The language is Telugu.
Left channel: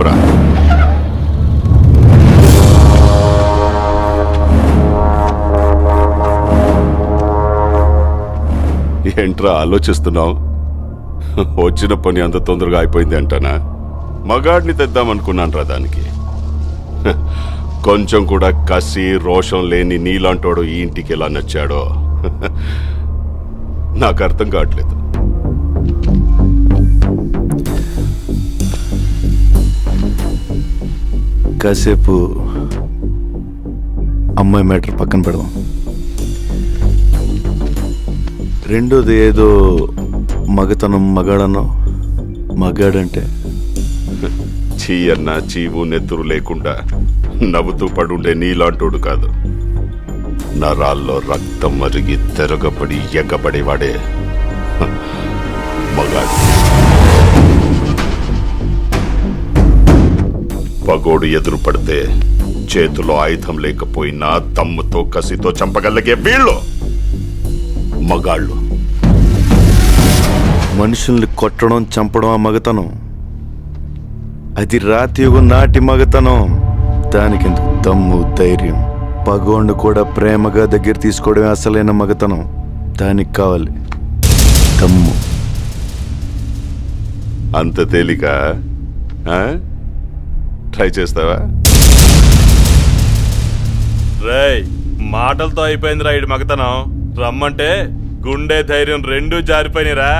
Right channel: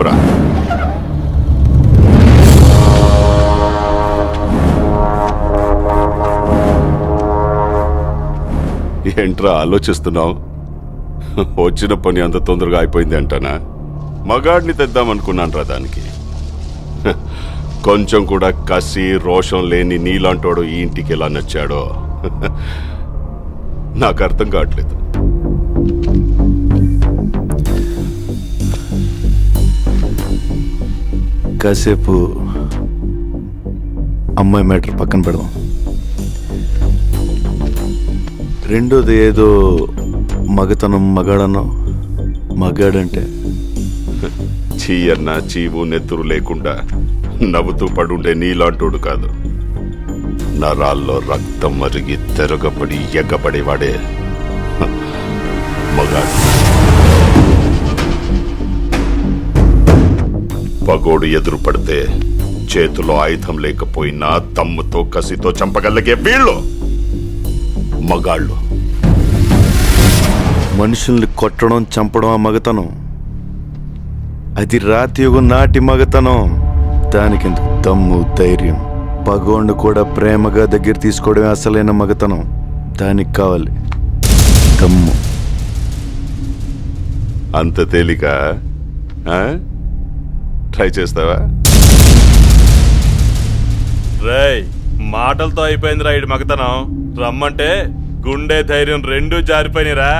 చెప్పురా. ఏంట్రా ఆలోచిస్తున్నావు? వచ్చిన పని అంత తొందరగా అయిపోయింది అంటానా? మగాడిని తెద్దామనుకున్నాను రా దానికి. కొంచెం కూడా కసి రోషం లేని నీలాంటోడు ఈ ఇంటికి ఎలా నచ్చాడో నాకు అర్థం కావట్లేదు. కాసేపు అమ్మాయి మ్యాటర్ పక్కన పెడదాం. రెండోది ఏదో మగతనం మగాడనో. మగాడంటే చీ అన్న చీవు నెత్తురు లేకుండా నవ్వుతూ పడుండే నీలాంటోడు కాదు. నరాల్లో రక్తం మరిగి తెరగబడి ఎగ్గబడేవాడే మగాడు. పగోడు ఎదురు పడితే చేతిలో ఆయుధం లేకపోయినా దమ్ముతో కసితో చంపగలిగే వీళ్ళు మగాళ్ళు. మనుషుల్ని కొట్టడం చంపడం ఆ మగతనం. అది రాతి యుగం నాటి మగతనం. దానికెందుకు దమ్ము ధైర్యం? పగోండు కూడా ప్రేమగా దగ్గర తీసుకోవడమే అసలైన మగతనం. దానికి కావాలి దమ్ము. అంత తేలిక? ట్రై చేస్తావా? రేయ్, మాటలతో అయిపోయింది రా ఇడి మగతనం. రమ్మంటే గుండె ధైర్యం రెండూ జారిపోయినరా.